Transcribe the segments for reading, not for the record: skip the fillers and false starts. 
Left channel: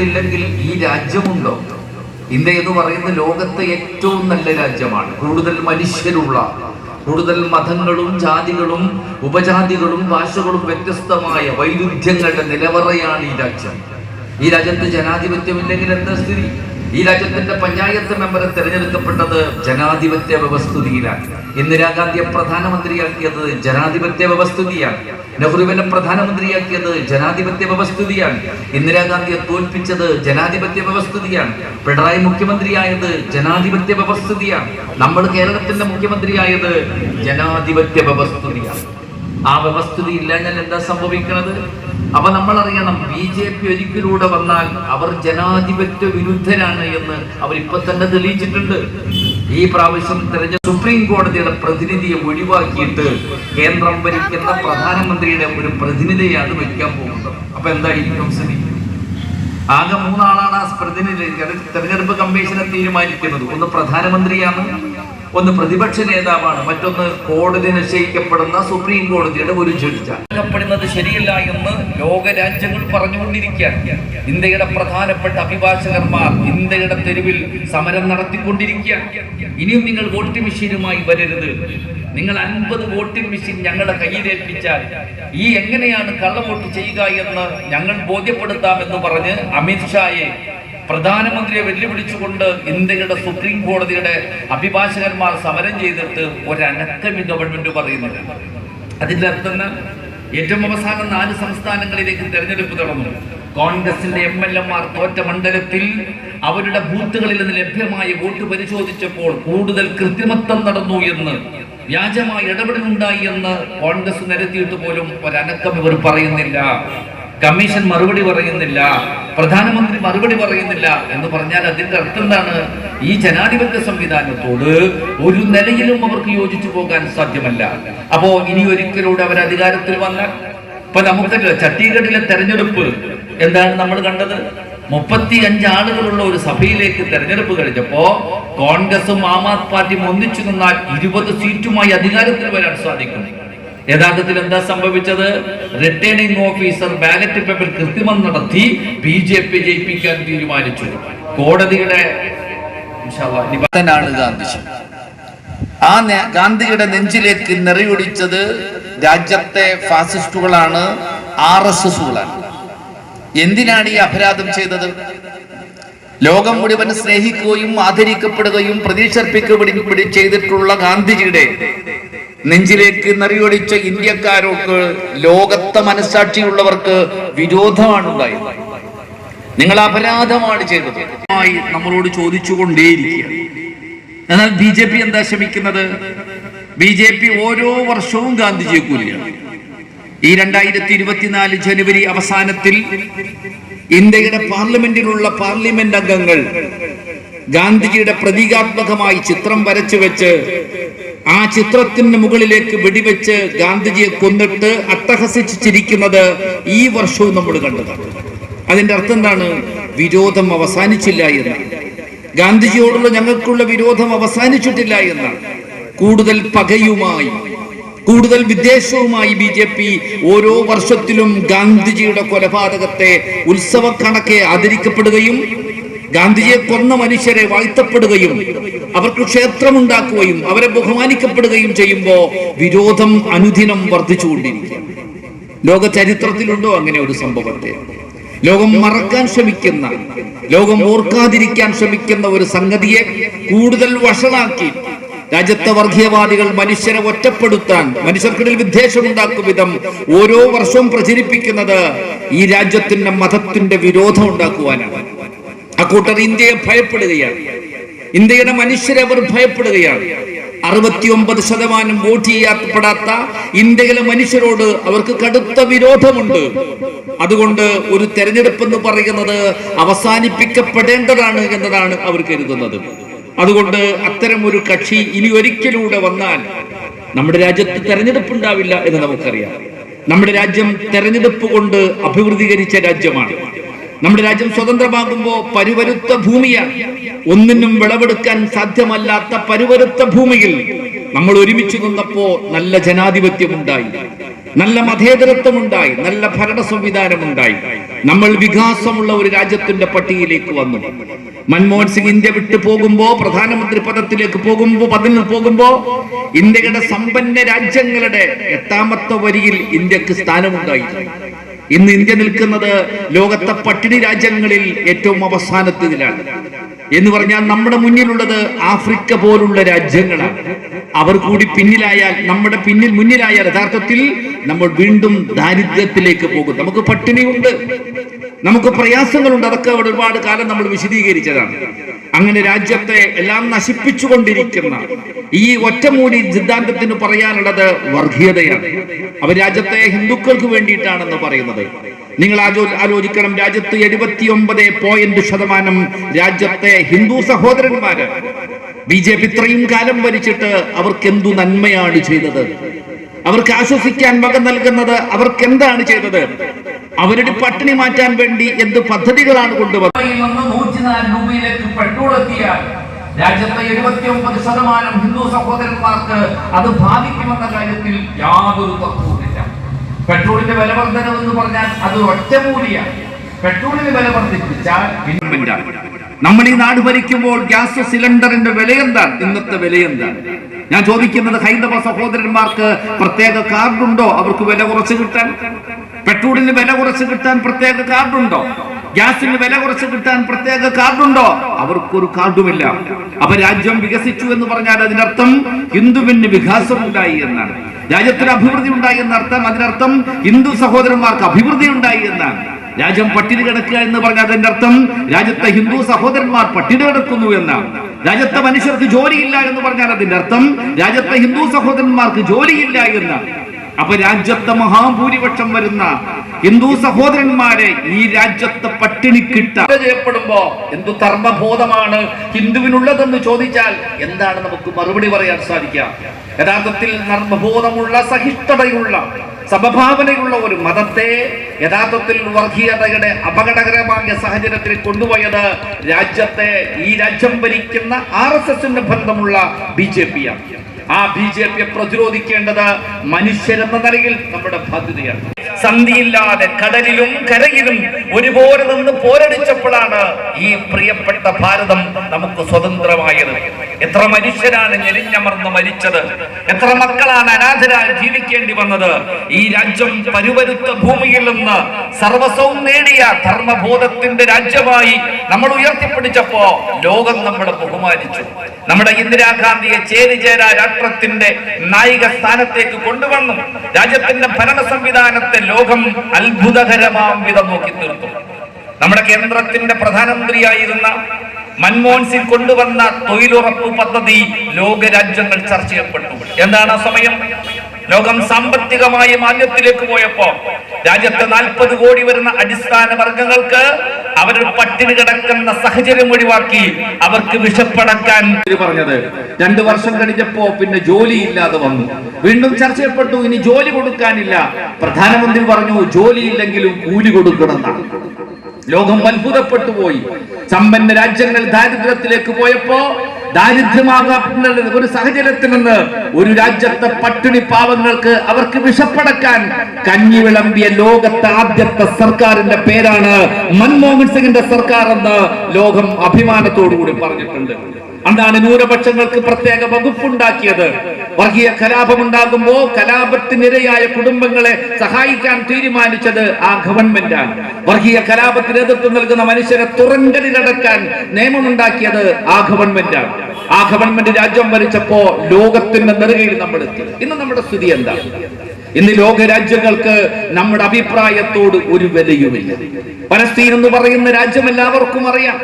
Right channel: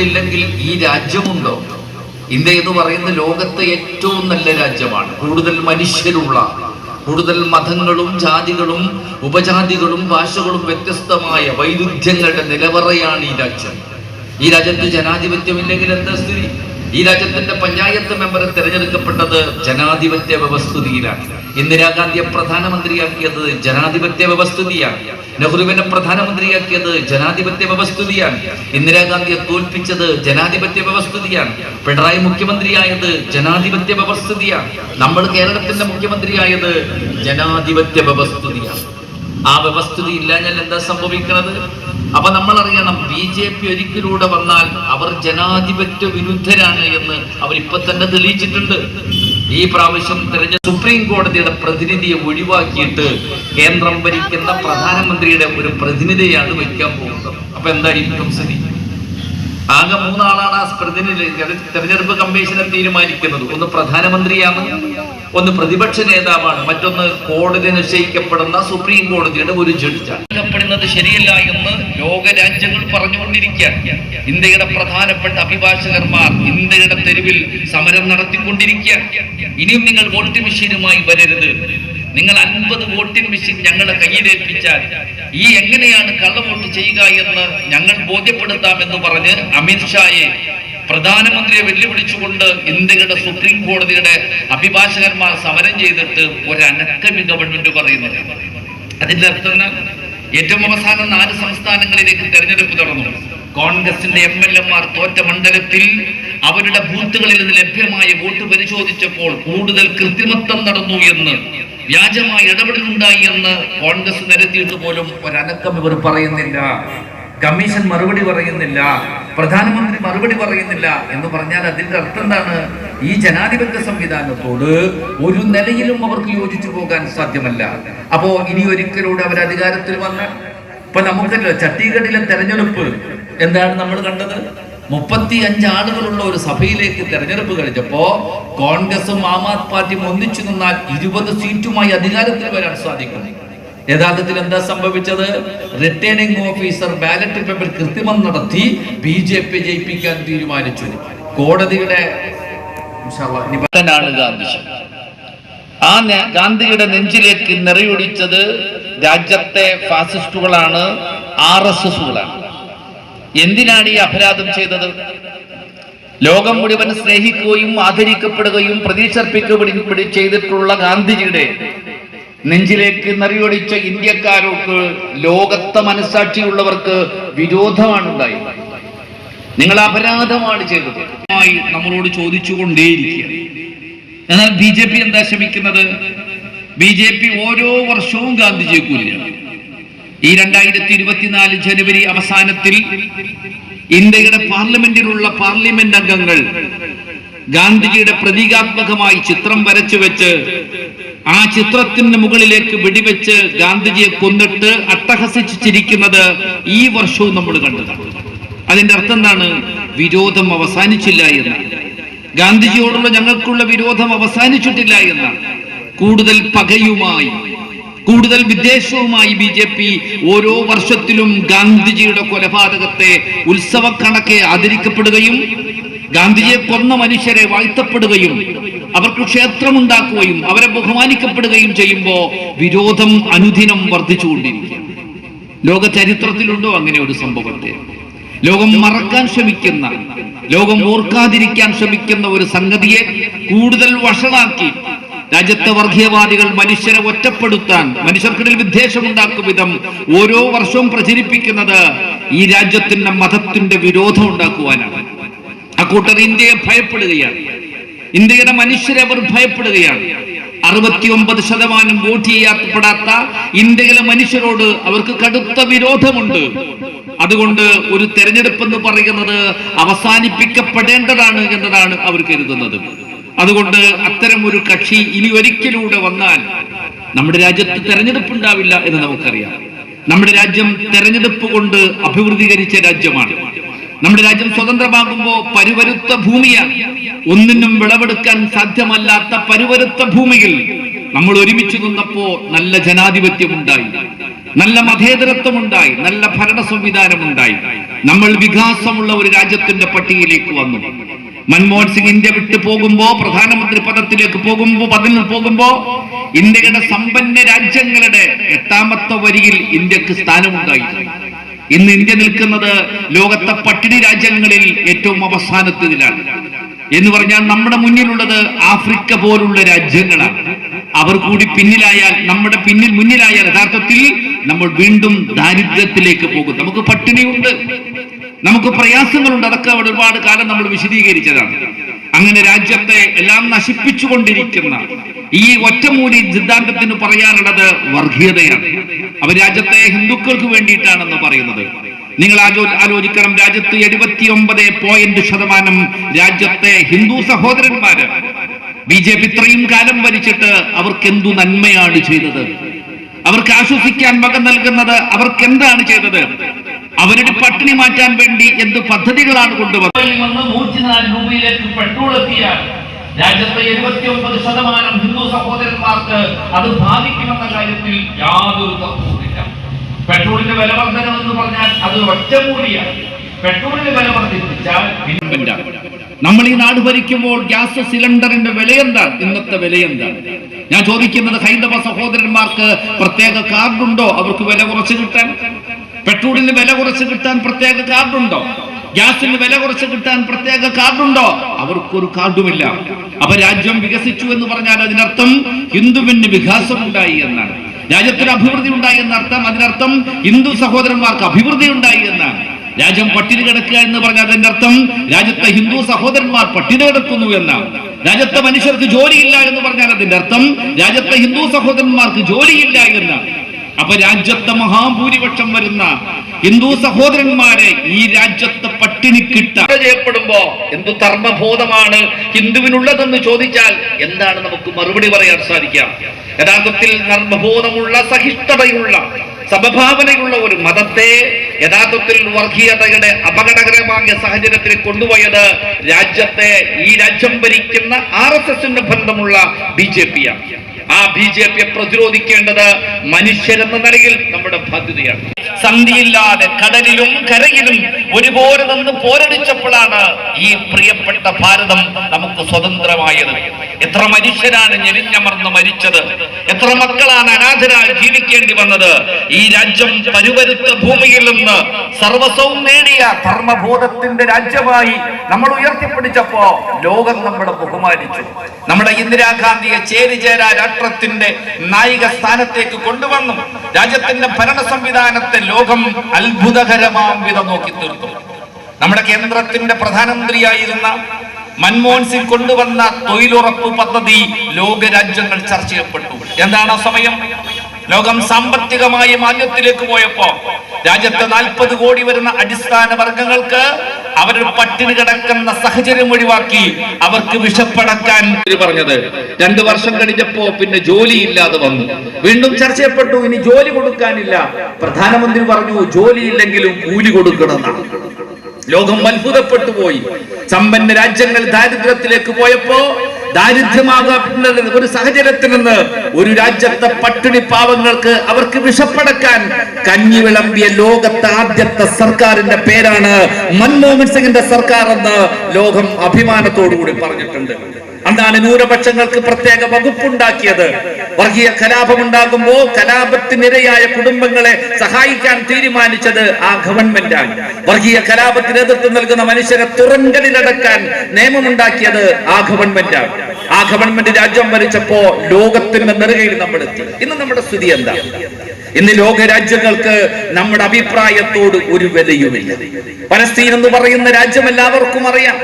തെരുവുകളില്ലെങ്കിൽ ഈ രാജ്യമുണ്ടോ? ഇന്ത്യ എന്ന് പറയുന്ന ലോകത്തെ ഏറ്റവും നല്ല രാജ്യമാണ്. കൂടുതൽ മനുഷ്യരുള്ള, കൂടുതൽ മതങ്ങളും ജാതികളും ഉപജാതികളും ഭാഷകളും വ്യത്യസ്തമായ വൈരുദ്ധ്യങ്ങളുടെ നിലവറയാണ് ഈ രാജ്യം. ഈ രാജ്യത്ത് ജനാധിപത്യമില്ലെങ്കിൽ എന്താ സ്ഥിതി? ഈ രാജ്യത്തിന്റെ പഞ്ചായത്ത് മെമ്പറെ തിരഞ്ഞെടുക്കപ്പെട്ടത് ജനാധിപത്യ വ്യവസ്ഥിതിയിലാണ്. ഇന്ദിരാഗാന്ധിയെ പ്രധാനമന്ത്രിയാക്കിയത് ജനാധിപത്യ വ്യവസ്ഥിതിയാണ്. നെഹ്റുവിനെ പ്രധാനമന്ത്രിയാക്കിയത് ജനാധിപത്യ വ്യവസ്ഥിതിയാണ്. ഇന്ദിരാഗാന്ധിയെ തോൽപ്പിച്ചത് ജനാധിപത്യ വ്യവസ്ഥിതിയാണ്. പിണറായി മുഖ്യമന്ത്രിയായത് ജനാധിപത്യ വ്യവസ്ഥിതിയാണ്. നമ്മൾ കേരളത്തിന്റെ മുഖ്യമന്ത്രിയായത് ജനാധിപത്യ വ്യവസ്ഥിതിയാണ്. ആ വ്യവസ്ഥിതി ഇല്ലാഞ്ഞാൽ എന്താ സംഭവിക്കുന്നത്? അപ്പൊ നമ്മൾ അറിയണം, BJP ഒരിക്കലൂടെ വന്നാൽ അവർ ജനാധിപത്യ വിരുദ്ധരാണ് എന്ന് അവരിപ്പൊ തന്നെ തെളിയിച്ചിട്ടുണ്ട്. ഈ പ്രാവശ്യം സുപ്രീം കോടതിയുടെ പ്രതിനിധിയെ ഒഴിവാക്കിയിട്ട് കേന്ദ്രം ഭരിക്കുന്ന പ്രധാനമന്ത്രിയുടെ ഒരു പ്രതിനിധിയാണ് വയ്ക്കാൻ പോകുന്നത്. അപ്പൊ എന്തായിരിക്കും സ്ഥിതി? ആകെ 3 ആളാണ് ആ പ്രതിനിധി തെരഞ്ഞെടുപ്പ് കമ്മീഷനെ തീരുമാനിക്കുന്നത്. ഒന്ന് പ്രധാനമന്ത്രിയാണ്, ഒന്ന് പ്രതിപക്ഷ നേതാവാണ്, മറ്റൊന്ന് കോടതി നിശ്ചയിക്കപ്പെടുന്ന സുപ്രീം കോടതിയുടെ ഒരു ജഡ്ജാണ്. പ്പെടുന്നത് ശരിയല്ല എന്ന് ലോകരാജ്യങ്ങൾ പറഞ്ഞുകൊണ്ടിരിക്കുകയാണ്. ഇന്ത്യയുടെ പ്രധാനപ്പെട്ട അഭിഭാഷകന്മാർ ഇന്ത്യയുടെ തെരുവിൽ സമരം നടത്തിക്കൊണ്ടിരിക്കുകയാണ്. ഇനിയും നിങ്ങൾ വോട്ടിംഗ് മെഷീനുമായി വരരുത്, നിങ്ങൾ 50 വോട്ടിംഗ് മെഷീൻ ഞങ്ങളുടെ കയ്യിലേൽപ്പിച്ചാൽ ഈ എങ്ങനെയാണ് കള്ളവോട്ട് ചെയ്യുക എന്ന് ഞങ്ങൾ ബോധ്യപ്പെടുത്താമെന്ന് പറഞ്ഞ് അമിത്ഷായെ പ്രധാനമന്ത്രിയെ വെല്ലുവിളിച്ചുകൊണ്ട് ഇന്ത്യയുടെ സുപ്രീം കോടതിയുടെ അഭിഭാഷകന്മാർ സമരം ചെയ്തിട്ട് ഒരനക്കമി ഗവൺമെന്റ് പറയുന്നത്. അതിന്റെ അർത്ഥം ഏറ്റവും അവസാനം 4 സംസ്ഥാനങ്ങളിലേക്ക് തെരഞ്ഞെടുപ്പ് നടന്നു. കോൺഗ്രസിന്റെ MLA-മാർ തോറ്റ മണ്ഡലത്തിൽ അവരുടെ ബൂത്തുകളിൽ നിന്ന് ലഭ്യമായ വോട്ട് പരിശോധിച്ചപ്പോൾ കൂടുതൽ കൃത്രിമത്വം നടന്നു എന്ന്, വ്യാജമായ ഇടപെടലുണ്ടായി എന്ന് കോൺഗ്രസ് നിരത്തിയിട്ട് പോലും ഒരനക്കം ഇവർ പറയുന്നില്ല. കമ്മീഷൻ മറുപടി പറയുന്നില്ല, പ്രധാനമന്ത്രി മറുപടി പറയുന്നില്ല എന്ന് പറഞ്ഞാൽ അതിന്റെ അർത്ഥം എന്താണ്? ഈ ജനാധിപത്യ സംവിധാനത്തോട് ഒരു നിലയിലും അവർക്ക് യോജിച്ചു പോകാൻ സാധ്യമല്ല. അപ്പോ ഇനി ഒരിക്കലൂടെ അവർ അധികാരത്തിൽ വന്നാൽ, ഇപ്പൊ നമുക്കല്ലോ ഛത്തീസ്ഗഡിലെ തെരഞ്ഞെടുപ്പ് എന്താണ് നമ്മൾ കണ്ടത്? 35 ആളുകളുള്ള ഒരു സഭയിലേക്ക് തെരഞ്ഞെടുപ്പ് കഴിഞ്ഞപ്പോ കോൺഗ്രസും ആം ആദ്മി പാർട്ടിയും ഒന്നിച്ചു നിന്നാൽ 20 സീറ്റുമായി അധികാരത്തിൽ വരാൻ സാധിക്കും. യഥാർത്ഥത്തിൽ എന്താ സംഭവിച്ചത്? റിട്ടേണിംഗ് ഓഫീസർ ബാലറ്റ് പേപ്പർ കൃത്രിമം നടത്തി BJP ജയിപ്പിക്കാൻ തീരുമാനിച്ചു. കോടതിയുടെ ഗാന്ധിയുടെ നെഞ്ചിലേക്ക് നിറയൊടിച്ചത് രാജ്യത്തെ ഫാസിസ്റ്റുകളാണ്, RSSകളാണ്. എന്തിനാണ് ഈ അപരാധം ചെയ്തത്? ലോകം മുഴുവൻ സ്നേഹിക്കുകയും ആദരിക്കപ്പെടുകയും പ്രതീക്ഷർപ്പിക്കുകയും ചെയ്തിട്ടുള്ള ഗാന്ധിജിയുടെ നെഞ്ചിലേക്ക് നിറയൊടിച്ച ഇന്ത്യക്കാരോട് ലോകത്തെ മനസ്സാക്ഷിയുള്ളവർക്ക് വിരോധമാണ് ഉണ്ടായത്. നിങ്ങൾ അപരാധമാണ് ചെയ്തത് നമ്മളോട് ചോദിച്ചുകൊണ്ടേയിരിക്കുക. എന്നാൽ BJP എന്താ ശ്രമിക്കുന്നത്? BJP ഓരോ വർഷവും ഗാന്ധിജിയെ കൊല്ലുകയാണ്. ഈ 2024 ജനുവരി അവസാനത്തിൽ ഇന്ത്യയുടെ പാർലമെന്റിലുള്ള പാർലമെന്റ് അംഗങ്ങൾ ഗാന്ധിജിയുടെ പ്രതീകാത്മകമായി ചിത്രം വരച്ചു വെച്ച് ആ ചിത്രത്തിന് മുകളിലേക്ക് വെടിവെച്ച് ഗാന്ധിജിയെ കൊന്നിട്ട് അട്ടഹസിച്ച് ചിരിക്കുന്നത് ഈ വർഷവും നമ്മൾ കണ്ടതാണ്. അതിന്റെ അർത്ഥം എന്താണ്? വിരോധം അവസാനിച്ചില്ല എന്നാണ്. ഗാന്ധിജിയോടുള്ള ഞങ്ങൾക്കുള്ള വിരോധം അവസാനിച്ചിട്ടില്ല എന്നാണ്. കൂടുതൽ പകയുമായി, കൂടുതൽ വിദ്വേഷവുമായി BJP ഓരോ വർഷത്തിലും ഗാന്ധിജിയുടെ കൊലപാതകത്തെ ഉത്സവക്കണക്കെ ആദരിക്കപ്പെടുകയും ഗാന്ധിജിയെ കൊന്ന മനുഷ്യരെ വാഴ്ത്തപ്പെടുകയും അവർക്ക് ക്ഷേത്രമുണ്ടാക്കുകയും അവരെ ബഹുമാനിക്കപ്പെടുകയും ചെയ്യുമ്പോ വിരോധം അനുദിനം വർദ്ധിച്ചുകൊണ്ടിരിക്കും. ലോക ചരിത്രത്തിലുണ്ടോ അങ്ങനെ ഒരു സംഭവത്തെ? ലോകം മറക്കാൻ ശ്രമിക്കുന്ന, ലോകം ഓർക്കാതിരിക്കാൻ ശ്രമിക്കുന്ന ഒരു സംഗതിയെ കൂടുതൽ വഷളാക്കി രാജ്യത്തെ വർഗീയവാദികൾ മനുഷ്യരെ ഒറ്റപ്പെടുത്താൻ, മനുഷ്യർക്കിടയിൽ വിദ്വേഷമുണ്ടാക്കും വിധം ഓരോ വർഷവും പ്രചരിപ്പിക്കുന്നത് ഈ രാജ്യത്തിന്റെ മതത്തിന്റെ വിരോധം ഉണ്ടാക്കുവാനാണ്. അക്കൂട്ടർ ഇന്ത്യയെ ഭയപ്പെടുകയാണ്, ഇന്ത്യയുടെ മനുഷ്യരെ അവർ ഭയപ്പെടുകയാണ്. 69% വോട്ട് ചെയ്യപ്പെടാത്ത ഇന്ത്യയിലെ മനുഷ്യരോട് അവർക്ക് കടുത്ത വിരോധമുണ്ട്. അതുകൊണ്ട് ഒരു തെരഞ്ഞെടുപ്പ് എന്ന് പറയുന്നത് അവസാനിപ്പിക്കപ്പെടേണ്ടതാണ് എന്നതാണ് അവർ കരുതുന്നത്. അതുകൊണ്ട് അത്തരം ഒരു കക്ഷി ഇനി ഒരിക്കലൂടെ വന്നാൽ നമ്മുടെ രാജ്യത്ത് തെരഞ്ഞെടുപ്പ് ഉണ്ടാവില്ല എന്ന് നമുക്കറിയാം. നമ്മുടെ രാജ്യം തെരഞ്ഞെടുപ്പ് കൊണ്ട് അഭിവൃദ്ധീകരിച്ച രാജ്യമാണ്. നമ്മുടെ രാജ്യം സ്വതന്ത്രമാകുമ്പോ പരുവരുത്ത ഭൂമിയാണ്. ഒന്നിനും വിളവെടുക്കാൻ സാധ്യമല്ലാത്ത പരുവരുത്ത ഭൂമിയിൽ നമ്മൾ ഒരുമിച്ച് നിന്നപ്പോ നല്ല ജനാധിപത്യമുണ്ടായി, നല്ല മതേതരത്വമുണ്ടായി, നല്ല ഭരണ സംവിധാനമുണ്ടായി. നമ്മൾ വികാസമുള്ള ഒരു രാജ്യത്തിന്റെ പട്ടികയിലേക്ക് വന്നു. മൻമോഹൻ സിംഗ് ഇന്ത്യ വിട്ടു പോകുമ്പോ, പ്രധാനമന്ത്രി പദത്തിലേക്ക് പോകുമ്പോ ഇന്ത്യയുടെ സമ്പന്ന രാജ്യങ്ങളുടെ 8ാമത്തെ വരിയിൽ ഇന്ത്യക്ക് സ്ഥാനമുണ്ടായി. ഇന്ന് ഇന്ത്യ നിൽക്കുന്നത് ലോകത്തെ പട്ടിണി രാജ്യങ്ങളിൽ ഏറ്റവും അവസാനത്തിലാണ്. എന്ന് പറഞ്ഞാൽ നമ്മുടെ മുന്നിലുള്ളത് ആഫ്രിക്ക പോലുള്ള രാജ്യങ്ങളാണ്. അവർ കൂടി പിന്നിലായാൽ, നമ്മുടെ മുന്നിലായാൽ യഥാർത്ഥത്തിൽ നമ്മൾ വീണ്ടും ദാരിദ്ര്യത്തിലേക്ക് പോകും. നമുക്ക് പട്ടിണിയുണ്ട്, നമുക്ക് പ്രയാസങ്ങളുണ്ട്. അതൊക്കെ ഒരുപാട് കാലം നമ്മൾ വിശദീകരിച്ചതാണ്. അങ്ങനെ രാജ്യത്തെ എല്ലാം നശിപ്പിച്ചുകൊണ്ടിരിക്കുന്ന ഈ ഒറ്റമൂലി സിദ്ധാന്തത്തിന് പറയാനുള്ളത് വർഗീയതയാണ്. അവർ രാജ്യത്തെ ഹിന്ദുക്കൾക്ക് വേണ്ടിയിട്ടാണെന്ന് പറയുന്നത്. നിങ്ങൾ ആലോചിക്കണം, രാജ്യത്ത് 79% രാജ്യത്തെ ഹിന്ദു സഹോദരന്മാര്. BJP ഇത്രയും കാലം ഭരിച്ചിട്ട് അവർക്ക് എന്തു നന്മയാണ് ചെയ്തത്? അവർക്ക് ആശ്വസിക്കാൻ വക നൽകുന്നത് അവർക്ക് എന്താണ് ചെയ്തത്? അവരുടെ പട്ടിണി മാറ്റാൻ വേണ്ടി എന്ത് പദ്ധതികളാണ് കൊണ്ടുവന്നത്? 104 രൂപയിലേക്ക് പെട്രോൾ എത്തിയാൽ രാജ്യത്തെ 79% ഹിന്ദു സഹോദരന്മാർക്ക് അത് ബാധിക്കുമെന്ന കാര്യത്തിൽ യാതൊരു തർക്കവുമില്ല. പെട്രോളിന്റെ വില വർധനമെന്ന് പറഞ്ഞാൽ അത് ഒറ്റമൂലിയാണ്. പെട്രോളിന്റെ വില വർദ്ധിപ്പിച്ചാൽ നമ്മൾ ഈ നാട് ഭരിക്കുമ്പോൾ ഗ്യാസ് സിലിണ്ടറിന്റെ വില എന്താണ്? ഇന്നത്തെ വില എന്താണ്? ഞാൻ ചോദിക്കുന്നത്, ഹൈന്ദവ സഹോദരന്മാർക്ക് പ്രത്യേക കാർഡുണ്ടോ അവർക്ക് വില കുറച്ച് കിട്ടാൻ? പെട്രോളിന് വില കുറച്ച് കിട്ടാൻ പ്രത്യേക കാർഡുണ്ടോ? ഗ്യാസിന് വില കുറച്ച് കിട്ടാൻ പ്രത്യേക കാർഡുണ്ടോ? അവർക്കൊരു കാർഡുമില്ല. അപ്പൊ രാജ്യം വികസിച്ചു എന്ന് പറഞ്ഞാൽ അതിനർത്ഥം ഹിന്ദുവിന് വികാസമുണ്ടായി എന്നാണ്. രാജ്യത്തിന് അഭിവൃദ്ധി ഉണ്ടായി എന്നർത്ഥം. അതിനർത്ഥം ഹിന്ദു സഹോദരന്മാർക്ക് അഭിവൃദ്ധി ഉണ്ടായി എന്നാണ്. രാജ്യം പട്ടിണി കിടക്കുക എന്ന് പറഞ്ഞാൽ അതിന്റെ അർത്ഥം രാജ്യത്തെ ഹിന്ദു സഹോദരന്മാർ പട്ടിണി കിടക്കുന്നു എന്നാണ്. രാജ്യത്തെ മനുഷ്യർക്ക് ജോലിയില്ല എന്ന് പറഞ്ഞാൽ അതിന്റെ അർത്ഥം രാജ്യത്തെ ഹിന്ദു സഹോദരന്മാർക്ക് ജോലിയില്ല എന്നാണ്. അപ്പൊ രാജ്യത്തെ മഹാഭൂരിപക്ഷം വരുന്ന ഹിന്ദു സഹോദരന്മാരെ ഈ രാജ്യത്തെ പട്ടിണി ചെയ്യപ്പെടുമ്പോ എന്തു ധർമ്മബോധമാണ് ഹിന്ദുവിനുള്ളതെന്ന് ചോദിച്ചാൽ എന്താണ് നമുക്ക് മറുപടി പറയാൻ സാധിക്കുക? യഥാർത്ഥത്തിൽ ധർമ്മബോധമുള്ള, സഹിഷ്ണുതയുള്ള, സമഭാവനയുള്ള ഒരു മതത്തെ യഥാർത്ഥത്തിൽ വർഗീയതയുടെ അപകടകരമായ സാഹചര്യത്തിൽ കൊണ്ടുപോയത് ഈ രാജ്യം ഭരിക്കുന്ന RSSന്റെ ബന്ധമുള്ള BJP യാണ്. ആ BJPയെ പ്രതിരോധിക്കേണ്ടത് മനുഷ്യരെന്ന നിലയിൽ നമ്മുടെ ബാധ്യതയാണ്. സന്ധിയില്ലാതെ കടലിലും കരയിലും ഒരുപോലെ നിന്ന് പോരടിച്ചപ്പോഴാണ് ഈ പ്രിയപ്പെട്ട ഭാരതം നമുക്ക് സ്വതന്ത്രമായത്. എത്ര മനുഷ്യരാണ് ഞെരിഞ്ഞമർന്ന് മരിച്ചത്? എത്ര മക്കളാണ് അനാഥരായി ജീവിക്കേണ്ടി വന്നത്? ഈ രാജ്യം പരുവരുത്ത ഭൂമിയിൽ നിന്ന് സർവസ്വവും നേടിയ ധർമ്മബോധത്തിന്റെ രാജ്യമായി നമ്മൾ ഉയർത്തിപ്പിടിച്ചപ്പോ ലോകം നമ്മളെ ബഹുമാനിച്ചു. നമ്മുടെ ഇന്ദിരാഗാന്ധിയെ ചേരിചേരാ രാഷ്ട്രത്തിന്റെ നായിക സ്ഥാനത്തേക്ക് കൊണ്ടുവന്നു. രാജ്യത്തിന്റെ ഭരണ സംവിധാനത്തെ ലോകം അത്ഭുതകരമാം വിധം നോക്കി തീർത്തു. നമ്മുടെ കേന്ദ്രത്തിന്റെ പ്രധാനമന്ത്രിയായിരുന്ന മൻമോഹൻ സിംഗ് കൊണ്ടുവന്ന തൊഴിലുറപ്പ് പദ്ധതി ലോകരാജ്യങ്ങൾ ചർച്ച ചെയ്യപ്പെട്ടു. എന്താണ് ആ സമയം? ലോകം സാമ്പത്തികമായി മാന്ദ്യത്തിലേക്ക് പോയപ്പോ രാജ്യത്ത് 40 കോടി വരുന്ന അടിസ്ഥാന വർഗങ്ങൾക്ക് അവരുടെ പട്ടിണി കിടക്കുന്ന സാഹചര്യം ഒഴിവാക്കി അവർക്ക് വിശപ്പടക്കാൻ പറഞ്ഞത്. 2 വർഷം കഴിഞ്ഞപ്പോ പിന്നെ ജോലിയില്ലാതെ വന്നു. വീണ്ടും ചർച്ച ചെയ്യപ്പെട്ടു, ഇനി ജോലി കൊടുക്കാനില്ല. പ്രധാനമന്ത്രി പറഞ്ഞു ജോലിയില്ലെങ്കിലും കൂലി കൊടുക്കണമെന്നാണ്. ലോകം അത്ഭുതപ്പെട്ടു പോയി. സമ്പന്ന രാജ്യങ്ങൾ ദാരിദ്ര്യത്തിലേക്ക് പോയപ്പോ ദാരിദ്ര്യമാകുന്ന ഒരു സാഹചര്യത്തിൽ നിന്ന് ഒരു രാജ്യത്തെ പട്ടിണി പാവങ്ങൾക്ക് അവർക്ക് വിശപ്പടക്കാൻ കഞ്ഞി വിളമ്പിയ ലോകത്തെ ആദ്യത്തെ സർക്കാരിന്റെ പേരാണ് മൻമോഹൻ സിംഗിന്റെ സർക്കാർ എന്ന് ലോകം അഭിമാനത്തോടുകൂടി പറഞ്ഞിട്ടുണ്ട്. അതാണ് ന്യൂനപക്ഷങ്ങൾക്ക് പ്രത്യേക വകുപ്പുണ്ടാക്കിയത്. വർഗീയ കലാപമുണ്ടാകുമ്പോ കലാപത്തിനിരയായ കുടുംബങ്ങളെ സഹായിക്കാൻ തീരുമാനിച്ചത് ആ ഗവൺമെന്റാണ്. വർഗീയ കലാപത്തിന് എതിർത്ത് നൽകുന്ന മനുഷ്യരെ തുറങ്കലിലടക്കാൻ നിയമമുണ്ടാക്കിയത് ആ ഗവൺമെന്റാണ്. ആ ഗവൺമെന്റ് രാജ്യം ഭരിച്ചപ്പോ ലോകത്തിന്റെ നെറുകയിൽ നമ്മൾ എത്തി. ഇന്ന് നമ്മുടെ സ്ഥിതി എന്താ? ഇന്ന് ലോക രാജ്യങ്ങൾക്ക് നമ്മുടെ അഭിപ്രായത്തോട് ഒരു വിലയുമില്ല. പലസ്തീൻ എന്ന് പറയുന്ന രാജ്യം എല്ലാവർക്കും അറിയാം.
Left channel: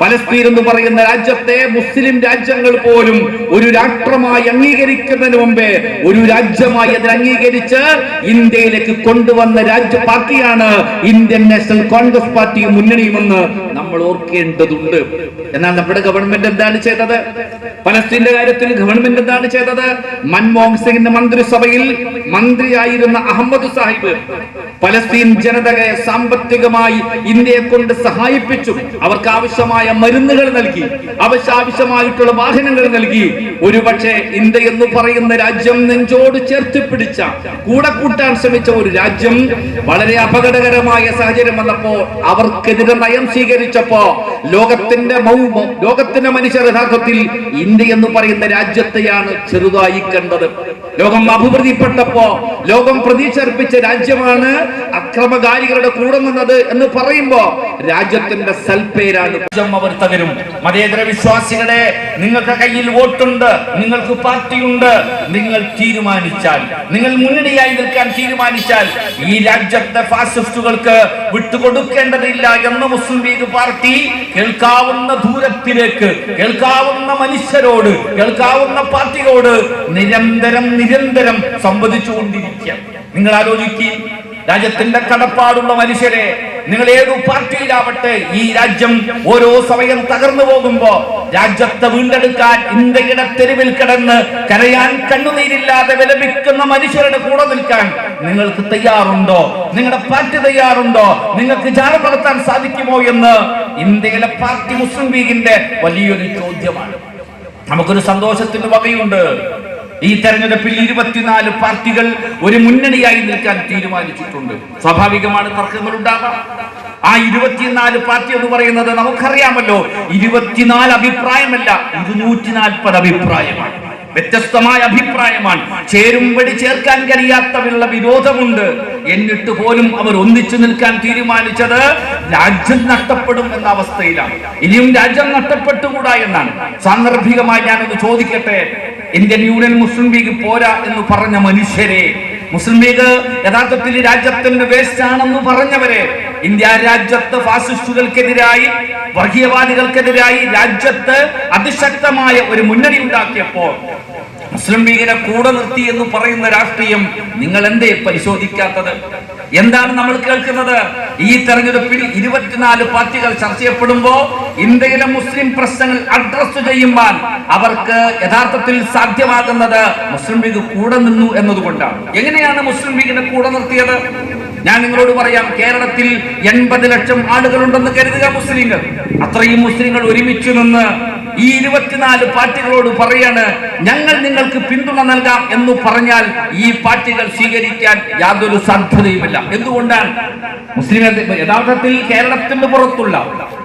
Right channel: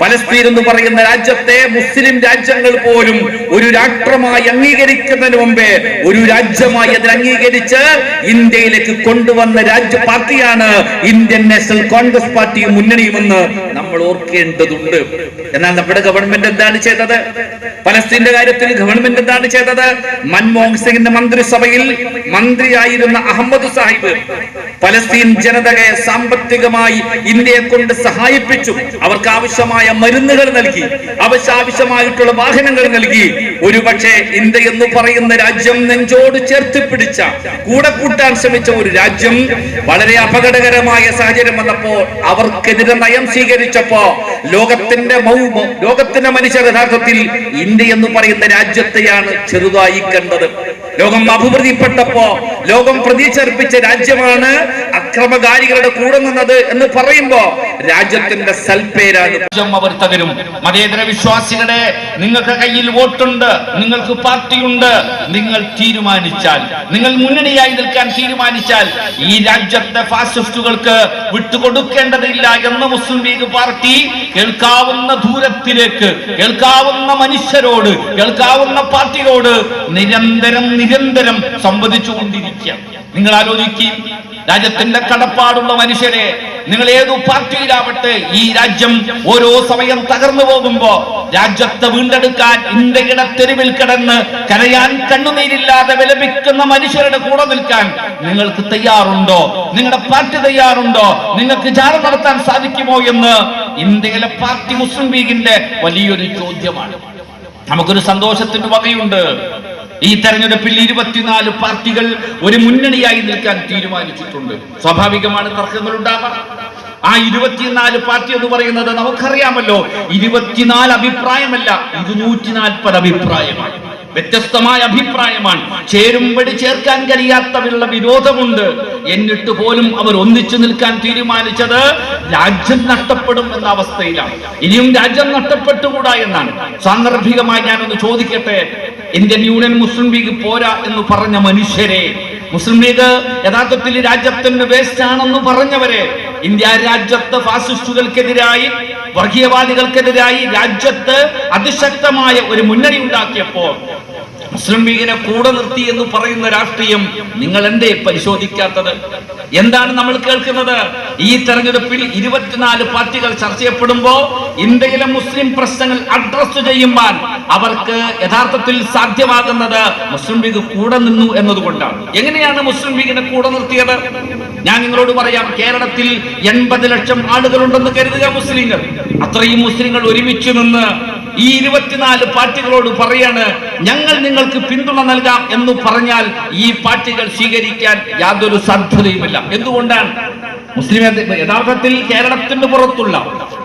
പലസ്തീൻ എന്ന് പറയുന്ന രാജ്യത്തെ മുസ്ലിം രാജ്യങ്ങൾ പോലും ഒരു രാഷ്ട്രമായി അംഗീകരിക്കുന്നതിന് മുമ്പേ ഒരു രാജ്യമായി അതിൽ അംഗീകരിച്ച് ഇന്ത്യയിലേക്ക് കൊണ്ടുവന്ന പാർട്ടിയാണ് ഇന്ത്യൻ നാഷണൽ കോൺഗ്രസ് പാർട്ടിയും മുന്നണിയുമെന്ന് നമ്മൾ ഓർക്കേണ്ടതുണ്ട്. എന്നാൽ നമ്മുടെ ഗവൺമെന്റ് എന്താണ് ചെയ്തത്? പലസ്തീന്റെ കാര്യത്തിൽ ഗവൺമെന്റ് എന്താണ് ചെയ്തത്? മൻമോഹൻ സിംഗിന്റെ മന്ത്രിസഭയിൽ മന്ത്രിയായിരുന്ന അഹമ്മദ് സാഹിബ് പലസ്തീൻ ജനതയെ സാമ്പത്തികമായി ഇന്ത്യയെ കൊണ്ട് സഹായിപ്പിച്ചു. അവർക്ക് ആവശ്യമായ മരുന്നുകൾ നൽകി, ആവശ്യമായിട്ടുള്ള വാഹനങ്ങൾ നൽകി. ഒരുപക്ഷെ ഇന്ത്യ എന്ന് പറയുന്ന രാജ്യം നെഞ്ചോട് ചേർത്ത് പിടിച്ച, കൂടെ കൂട്ടാൻ ശ്രമിച്ച ഒരു രാജ്യം വളരെ അപകടകരമായ സാഹചര്യം വന്നപ്പോ അവർക്കെതിരെ നയം സ്വീകരിച്ചപ്പോ ലോകത്തിന്റെ മനുഷ്യർ യഥാർത്ഥത്തിൽ ഇന്ത്യ എന്ന് പറയുന്ന രാജ്യത്തെയാണ് ചെറുതായി കണ്ടത്. ലോകം അഭിവൃദ്ധിപ്പെട്ടപ്പോ ലോകം പ്രതീക്ഷർപ്പിച്ച രാജ്യമാണ് അക്രമകാരികളുടെ കൂടെ നിന്നത് എന്ന് പറയുമ്പോ രാജ്യത്തിന്റെ സൽപ്പേരാണ്. അവർ തകരും. മതേതര വിശ്വാസികളെ, നിങ്ങൾക്ക് കയ്യിൽ വോട്ടുണ്ട്, നിങ്ങൾക്ക് പാർട്ടിയുണ്ട്. നിങ്ങൾ തീരുമാനിച്ചാൽ, നിങ്ങൾ മുന്നണിയായി നിൽക്കാൻ തീരുമാനിച്ചാൽ ഈ രാജ്യത്തെ ഫാസിസ്റ്റുകൾക്ക് വിട്ടുകൊടുക്കേണ്ടതില്ല എന്ന് മുസ്ലിം ലീഗ് പാർട്ടി കേൾക്കാവുന്ന ദൂരത്തിലേക്ക്, കേൾക്കാവുന്ന മനുഷ്യരോട്, കേൾക്കാവുന്ന പാർട്ടിയോട് നിരന്തരം സംവദിച്ചുകൊണ്ടിരിക്കുക. നിങ്ങൾ ആലോചിക്കുക, രാജ്യത്തിന്റെ കടപ്പാടുള്ള മനുഷ്യരെ, നിങ്ങൾ ഏതു പാർട്ടിയിലാവട്ടെ, ഈ രാജ്യം ഓരോ സമയം തകർന്നു പോകുമ്പോ രാജ്യത്തെ വീണ്ടെടുക്കാൻ ഇന്ത്യയുടെ തെരുവിൽ കിടന്ന് കരയാൻ കണ്ണുനീരില്ലാതെ വിലപിക്കുന്ന മനുഷ്യരുടെ കൂടെ നിൽക്കാൻ നിങ്ങൾക്ക് തയ്യാറുണ്ടോ? നിങ്ങളുടെ പാർട്ടി തയ്യാറുണ്ടോ? നിങ്ങൾക്ക് ജാഥ നടത്താൻ സാധിക്കുമോ എന്ന് ഇന്ത്യയിലെ പാർട്ടി മുസ്ലിം ലീഗിന്റെ വലിയൊരു ചോദ്യമാണ്. നമുക്കൊരു സന്തോഷത്തിന് വകയുണ്ട്. ഈ തെരഞ്ഞെടുപ്പിൽ 24 പാർട്ടികൾ ഒരു മുന്നണിയായി നിൽക്കാൻ തീരുമാനിച്ചിട്ടുണ്ട്. സ്വാഭാവികമാണ് തർക്കങ്ങൾ ഉണ്ടാവാം. ആ 24 പാർട്ടി എന്ന് പറയുന്നത് നമുക്കറിയാമല്ലോ, 24 അഭിപ്രായമല്ല, 240 അഭിപ്രായമാണ്. വ്യത്യസ്തമായ അഭിപ്രായമാണ്. ചേരുംപടി ചേർക്കാൻ കഴിയാത്തവരുള്ള വിരോധമുണ്ട്. എന്നിട്ട് പോലും അവർ ഒന്നിച്ചു നിൽക്കാൻ തീരുമാനിച്ചത് രാജ്യം നഷ്ടപ്പെടും എന്ന അവസ്ഥയിലാണ്. ഇനിയും രാജ്യം നഷ്ടപ്പെട്ടുകൂടാ എന്നാണ്. സാന്ദർഭികമായി ഞാനൊന്ന് ചോദിക്കട്ടെ, ഇന്ത്യൻ യൂണിയൻ മുസ്ലിം ലീഗ് പോരാ എന്ന് പറഞ്ഞ മനുഷ്യരെ, മുസ്ലിം ലീഗ് യഥാർത്ഥത്തിൽ രാജ്യത്തിന്റെ വേസ്റ്റ് ആണെന്ന് പറഞ്ഞവരെ, ഇന്ത്യ രാജ്യത്ത് ഫാസിസ്റ്റുകൾക്കെതിരായി, വർഗീയവാദികൾക്കെതിരായി രാജ്യത്ത് അതിശക്തമായ ഒരു മുന്നണി ഉണ്ടാക്കിയപ്പോ മുസ്ലിം ലീഗിനെ കൂടെ നിർത്തി എന്ന് പറയുന്ന രാഷ്ട്രീയം നിങ്ങൾ എന്തേ പരിശോധിക്കാത്തത്? എന്താണ് നമ്മൾ കേൾക്കുന്നത്? ഈ തെരഞ്ഞെടുപ്പിൽ 24 പാർട്ടികൾ ചർച്ച ചെയ്യപ്പെടുമ്പോ ഇന്ത്യയിലെ മുസ്ലിം പ്രശ്നങ്ങൾ അഡ്രസ് ചെയ്യുമ്പോൾ അവർക്ക് യഥാർത്ഥത്തിൽ സാധ്യമാകുന്നത് മുസ്ലിം ലീഗ് കൂടെ നിന്നു എന്നതുകൊണ്ടാണ്. എങ്ങനെയാണ് മുസ്ലിം ലീഗിനെ കൂടെ നിർത്തിയത്? ഞാൻ നിങ്ങളോട് പറയാം. കേരളത്തിൽ 80 ലക്ഷം ആളുകളുണ്ടെന്ന് കരുതുക മുസ്ലിങ്ങൾ. അത്രയും മുസ്ലിങ്ങൾ ഒരുമിച്ച് നിന്ന് ഈ 24 പാർട്ടികളോട് പറയാണ്, ഞങ്ങൾ നിങ്ങൾക്ക് പിന്തുണ നൽകാം എന്ന് പറഞ്ഞാൽ ഈ പാർട്ടികൾ സ്വീകരിക്കാൻ യാതൊരു സാധ്യതയുമില്ല. എന്തുകൊണ്ടാണ്? മുസ്ലിം യഥാർത്ഥത്തിൽ കേരളത്തിന്റെ പുറത്തുള്ള,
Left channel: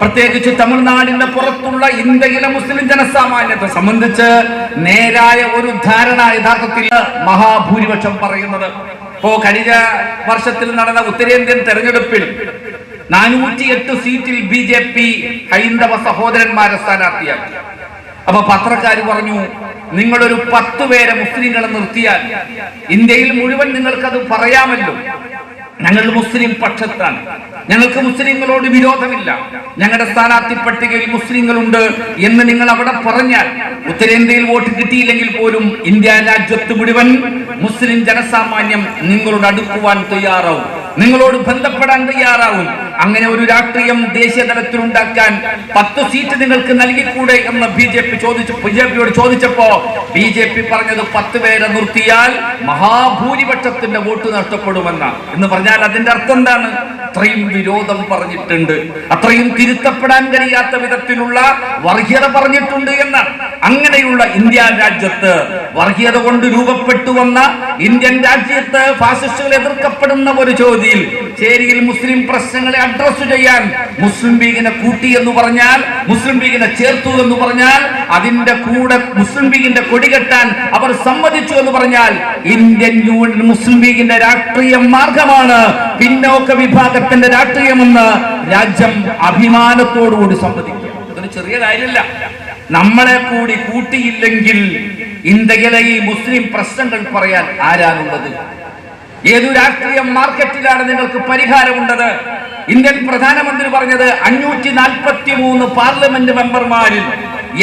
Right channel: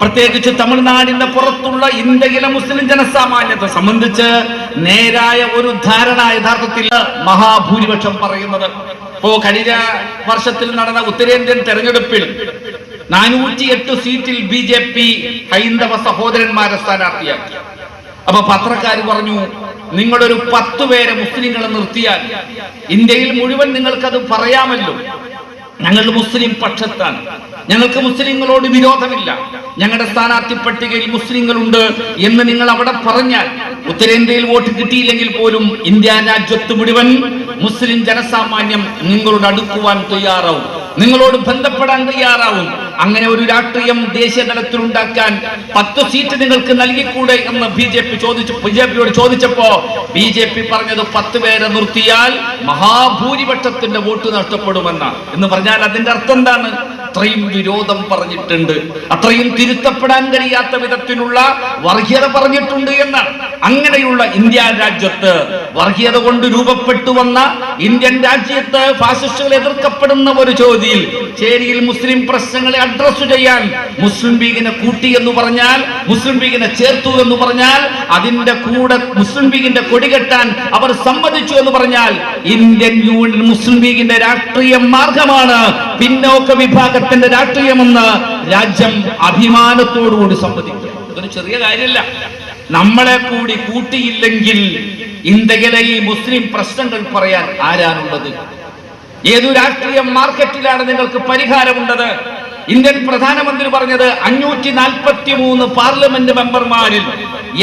പ്രത്യേകിച്ച് തമിഴ്നാടിന്റെ പുറത്തുള്ള ഇന്ത്യയിലെ മുസ്ലിം ജനസാമാന്യത്തെ സംബന്ധിച്ച് നേരായ ഒരു ധാരണ യഥാർത്ഥത്തിൽ മഹാഭൂരിപക്ഷം പറയുന്നത്. ഇപ്പോ കഴിഞ്ഞ വർഷത്തിൽ നടന്ന ഉത്തരേന്ത്യൻ തെരഞ്ഞെടുപ്പിൽ 408 സീറ്റിൽ BJP ഹൈന്ദവ സഹോദരന്മാരെ സ്ഥാനാർത്ഥിയാക്കി. അപ്പൊ പത്രക്കാർ പറഞ്ഞു, നിങ്ങളൊരു 10 പേരെ മുസ്ലിങ്ങളെ നിർത്തിയാൽ ഇന്ത്യയിൽ മുഴുവൻ നിങ്ങൾക്കത് പറയാമല്ലോ, ഞങ്ങൾ മുസ്ലിം പക്ഷത്താണ്, ഞങ്ങൾക്ക് മുസ്ലിങ്ങളോട് വിരോധമില്ല, ഞങ്ങളുടെ സ്ഥാനാർത്ഥി പട്ടികയിൽ മുസ്ലിങ്ങളുണ്ട് എന്ന് നിങ്ങൾ അവിടെ പറഞ്ഞാൽ ഉത്തരേന്ത്യയിൽ വോട്ട് കിട്ടിയില്ലെങ്കിൽ പോലും ഇന്ത്യ രാജ്യത്ത് മുഴുവൻ മുസ്ലിം ജനസാമാന്യം നിങ്ങളോട് അടുക്കുവാൻ തയ്യാറാവും, നിങ്ങളോട് ബന്ധപ്പെടാൻ തയ്യാറാവും. അങ്ങനെ ഒരു രാഷ്ട്രീയം ദേശീയ തലത്തിൽ ഉണ്ടാക്കാൻ 10 സീറ്റ് നിങ്ങൾക്ക് നൽകിക്കൂടെ എന്ന് ബിജെപിയോട് ചോദിച്ചപ്പോ BJP പറഞ്ഞത് 10 പേരെ നിർത്തിയാൽ മഹാഭൂരിപക്ഷത്തിന്റെ വോട്ട് നഷ്ടപ്പെടുമെന്നാണ്. എന്ന് പറഞ്ഞാൽ അതിന്റെ അർത്ഥം എന്താണ്? അത്രയും വിരോധം പറഞ്ഞിട്ടുണ്ട്, അത്രയും തിരുത്തപ്പെടാൻ കഴിയാത്ത വിധത്തിലുള്ള വർഗീയത പറഞ്ഞിട്ടുണ്ട് എന്നാണ്. അങ്ങനെയുള്ള ഇന്ത്യ രാജ്യത്ത്, വർഗീയത കൊണ്ട് രൂപപ്പെട്ടു വന്ന ഇന്ത്യൻ രാജ്യത്ത് ഫാസിസ്റ്റുകൾ എതിർക്കപ്പെടുന്ന ഒരു ചോദ്യം ചേരിയിൽ മുസ്ലിം പ്രശ്നങ്ങളെ അഡ്രസ് ചെയ്യാൻ മുസ്ലിം ലീഗിനെ കൂട്ടി എന്ന് പറഞ്ഞാൽ, മുസ്ലിം ലീഗിനെ ചേർത്തു എന്ന് പറഞ്ഞാൽ, അതിന്റെ കൂടെ മുസ്ലിം ലീഗിന്റെ കൊടികെട്ടാൻ അവർ സമ്മതിച്ചു എന്ന് പറഞ്ഞാൽ ഇന്ത്യൻ യൂണിയൻ മുസ്ലിം ലീഗിന്റെ രാഷ്ട്രീയ മാർഗമാണ് പിന്നോക്ക വിഭാഗത്തിന്റെ രാഷ്ട്രീയമെന്ന് രാജ്യം അഭിമാനത്തോടുകൂടി സമ്മതിക്കുക. ഇതൊരു ചെറിയ കാര്യമല്ല. നമ്മളെ കൂടി കൂട്ടിയില്ലെങ്കിൽ ഇന്ത്യയിലെ ഈ മുസ്ലിം പ്രശ്നങ്ങൾ പറയാൻ ആരാണുള്ളത്? ഏതു രാഷ്ട്രീയ മാർക്കറ്റിലാണ് നിങ്ങൾക്ക് പരിഹാരമുണ്ടത്? ഇന്ത്യൻ പ്രധാനമന്ത്രി പറഞ്ഞത് 543 പാർലമെന്റ് മെമ്പർമാരിൽ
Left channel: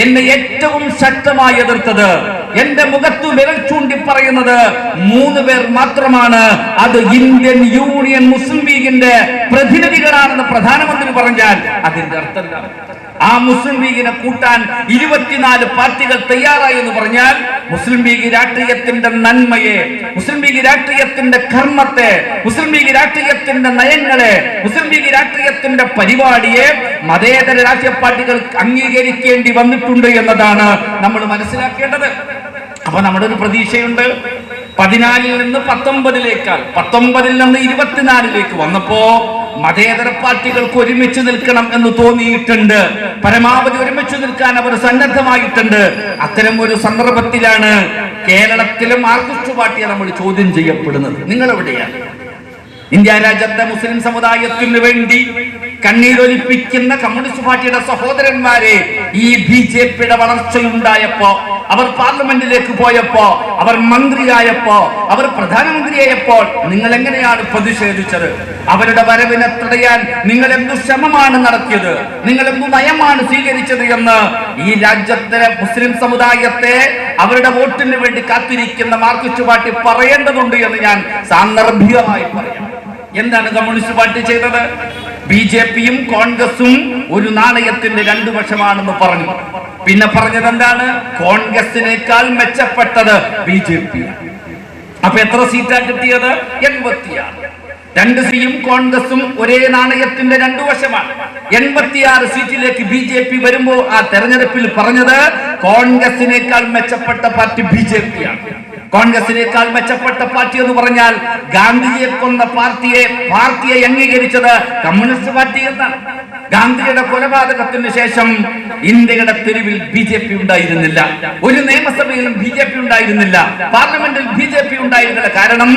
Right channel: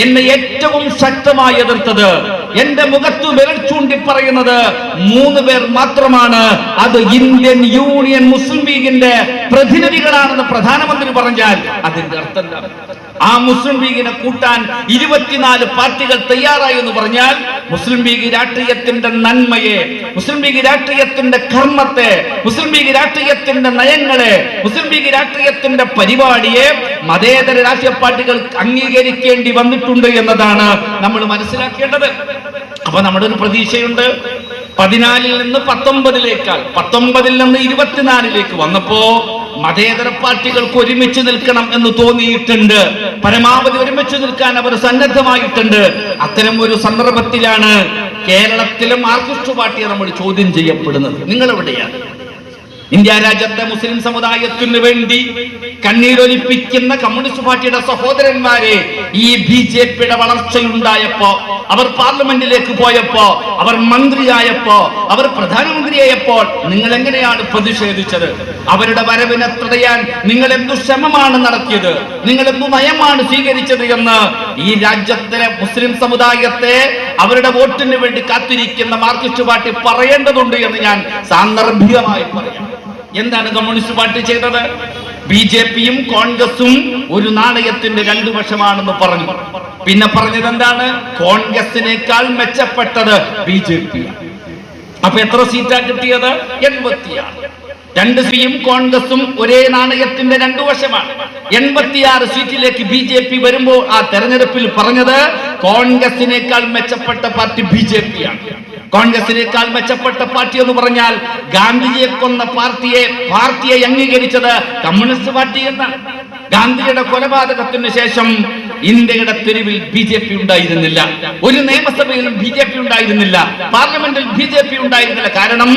എന്നെ ഏറ്റവും ശക്തമായി എതിർത്തത്, എന്റെ മുഖത്തു വിരൽ ചൂണ്ടി പറയുന്നത് 3 പേർ മാത്രമാണ്. അത് ഇന്ത്യൻ യൂണിയൻ മുസ്ലിം ലീഗിന്റെ പ്രതിനിധികളാണെന്ന് പ്രധാനമന്ത്രി പറഞ്ഞാൽ അതിന്റെ അർത്ഥം ആ മുസ്ലിം ലീഗിനെ കൂട്ടാൻ 24 പാർട്ടികൾ തയ്യാറായി എന്ന് പറഞ്ഞാൽ മുസ്ലിം ലീഗ് രാഷ്ട്രീയത്തിന്റെ നന്മയെ, മുസ്ലിം ലീഗ് രാഷ്ട്രീയത്തിന്റെ കർമ്മത്തെ, മുസ്ലിം ലീഗ് രാഷ്ട്രീയത്തിന്റെ നയങ്ങളെ, മുസ്ലിം ലീഗ് രാഷ്ട്രീയത്തിന്റെ പരിപാടിയെ മതേതര രാഷ്ട്രീയ പാർട്ടികൾ അംഗീകരിക്കേണ്ടി വന്നിട്ടുണ്ട് എന്നതാണ് നമ്മൾ മനസ്സിലാക്കേണ്ടത്. അപ്പൊ നമ്മുടെ ഒരു പ്രതീക്ഷയുണ്ട്. 14 നിന്ന് 19 19 നിന്ന് 24 വന്നപ്പോ മതേതര പാർട്ടികൾക്ക് ഒരുമിച്ച് നിൽക്കണം എന്ന് തോന്നിയിട്ടുണ്ട്. പരമാവധി ഒരുമിച്ച് നിൽക്കാൻ അവർ സന്നദ്ധമായിട്ടുണ്ട്. അത്തരം ഒരു സന്ദർഭത്തിലാണ് കേരളത്തിലെ മാർക്സിസ്റ്റ് പാർട്ടിയെ നമ്മൾ ചോദ്യം ചെയ്യപ്പെടുന്നത്. നിങ്ങൾ എവിടെയാണ്? ഇന്ത്യ രാജ്യത്തെ മുസ്ലിം സമുദായത്തിന് വേണ്ടി കണ്ണീരൊലിപ്പിക്കുന്ന കമ്മ്യൂണിസ്റ്റ് പാർട്ടിയുടെ സഹോദരന്മാരെ ഈ ബിജെപിയുടെ വളർച്ചയുണ്ടായപ്പോ, അവർ പാർലമെന്റിലേക്ക് പോയപ്പോ, അവർ മന്ത്രിയായപ്പോ, അവർ പ്രധാനമന്ത്രിയായപ്പോൾ നിങ്ങൾ എങ്ങനെയാണ് പ്രതിഷേധിച്ചത്? അവരുടെ വരവിനെ തടയാൻ നിങ്ങൾ എന്തു ശ്രമമാണ് നടത്തിയത്? നിങ്ങൾ എന്തു നയമാണ് സ്വീകരിച്ചത് എന്ന് ഈ രാജ്യത്തെ മുസ്ലിം സമുദായത്തെ അവരുടെ വോട്ടിന് വേണ്ടി കാത്തിരിക്കുന്ന മാർക്സിസ്റ്റ് പാർട്ടി പറയേണ്ടതുണ്ട് എന്ന് ഞാൻ സാന്ദർഭികമായി പറയാം. എന്താണ് കമ്മ്യൂണിസ്റ്റ് പാർട്ടി ചെയ്തത്? ബിജെപിയും കോൺഗ്രസും ഒരു നാണയത്തിന്റെ 2 വശമാണെന്ന് പറഞ്ഞു. പിന്നെ പറഞ്ഞത് എന്താണ്? കോൺഗ്രസിനേക്കാൾ മെച്ചപ്പെട്ടത് ബിജെപി. അപ്പൊ എത്ര സീറ്റാ കിട്ടിയത്? 86. 2 സിയും കോൺഗ്രസും ഒരേ നാണയത്തിന്റെ 2 വശമാണ്. 86 സീറ്റിലേക്ക് ബിജെപി വരുമ്പോൾ ആ തെരഞ്ഞെടുപ്പിൽ പറഞ്ഞത് കോൺഗ്രസിനേക്കാൾ മെച്ചപ്പെട്ട പാർട്ടി ബിജെപിയാണ്. കോൺഗ്രസിനേക്കാൾ മെച്ചപ്പെട്ട പാർട്ടി എന്ന് പറഞ്ഞാൽ ഗാന്ധിജിയെ കൊന്ന പാർട്ടിയെ അംഗീകരിച്ചത് കമ്മ്യൂണിസ്റ്റ് പാർട്ടി എന്നാണ്. ഗാന്ധിയുടെ കൊലപാതകത്തിന് ശേഷം ഇന്ത്യയുടെ തെരുവിൽ ബിജെപി ഉണ്ടായിരുന്നില്ല. ഒരു നിയമസഭയിലും ബിജെപി ഉണ്ടായിരുന്നില്ല. പാർലമെന്റിൽ ബിജെപി ഉണ്ടായിരുന്നില്ല. കാരണം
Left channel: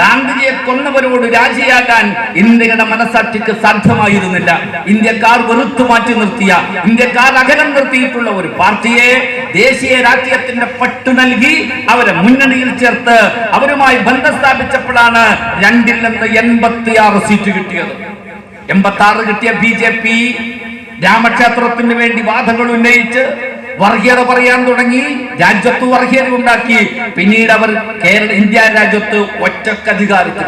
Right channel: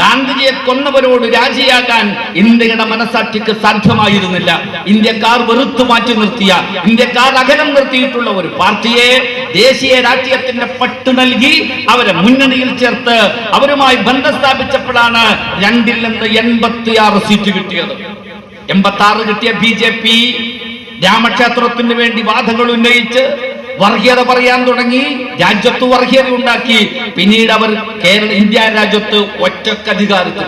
ഗാന്ധിജിയെ കൊന്നവരോട് രാജിയാകാൻ ഇന്ത്യയുടെ മനസാക്ഷിക്ക് സാധ്യമായിരുന്നില്ല. ഇന്ത്യക്കാർ വെറുത്തു മാറ്റി നിർത്തിയ, ഇന്ത്യക്കാർ അകലം നിർത്തിയിട്ടുള്ള ഒരു പാർട്ടിയെ ദേശീയ രാഷ്ട്രീയത്തിന്റെ പട്ട് നൽകി അവരെ മുന്നണിയിൽ ചേർത്ത് അവരുമായി ബന്ധം സ്ഥാപിച്ചപ്പോഴാണ് 2 നിന്ന് 86 സീറ്റ് കിട്ടിയത്. 86 കിട്ടിയ ബിജെപി രാമക്ഷേത്രത്തിന് വേണ്ടി വാദങ്ങൾ ഉന്നയിച്ച് വർഗീയത പറയാൻ തുടങ്ങി. രാജ്യത്ത് വർഗീയത ഉണ്ടാക്കി. പിന്നീട് അവർ ഇന്ത്യ രാജ്യത്ത് ഒറ്റക്ക് അധികാരത്തിൽ